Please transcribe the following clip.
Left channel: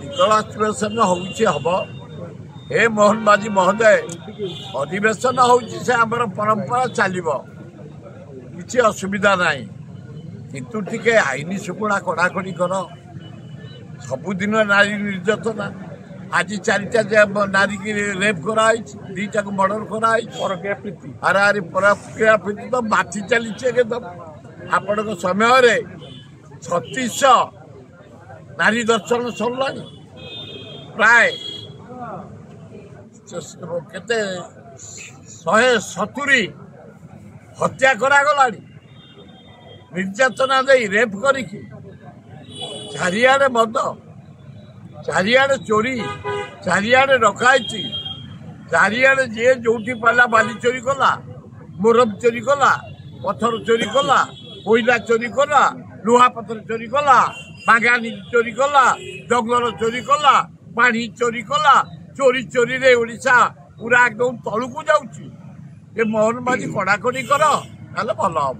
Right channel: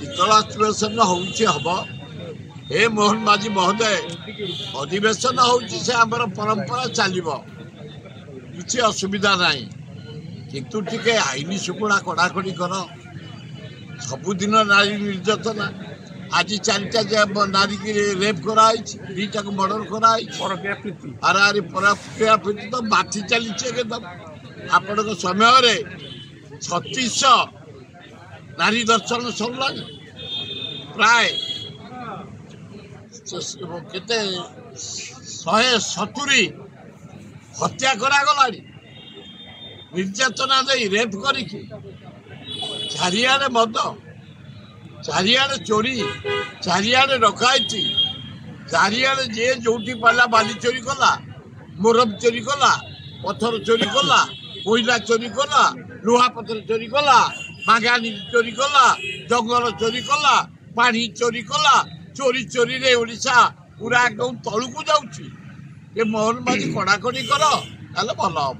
शीतलाधिवेशन हम हे मोहन माझी महोदय अधिवेशन से आमर परंपरा चलो किसी असुविधा ना किंतु टिके आईन शुक्ला कड़ाकड़ी कर सबुदिन नारी निर्यातना आज चारिटा नारी की रेप कराई दीटा को मर्डर कराई अरे प्रक्रिया प्रीति तो बाती चली एकदम आपण समय 3600 नारी दर्शन सरला प्राय केते 170 हत्या करागला निर्यातना दे रेप करी चारिआडे मद चारिआडे चोरी चारिआडे डकायती चारिआडे जे जोटी पाला बाली चोरी कला मुरम चोरी कला पत्थर चोरी कला कोयला चोरी कला लुहा पत्थर चोरी कला बागानी चोरी कला जंगल चोरी कला पानी चोरी कला चोरी चोरी रे ओडिशा पूरा एकदम तलू को जाऊँ मोहन माझी कड़ाकड़ी कर भल हम।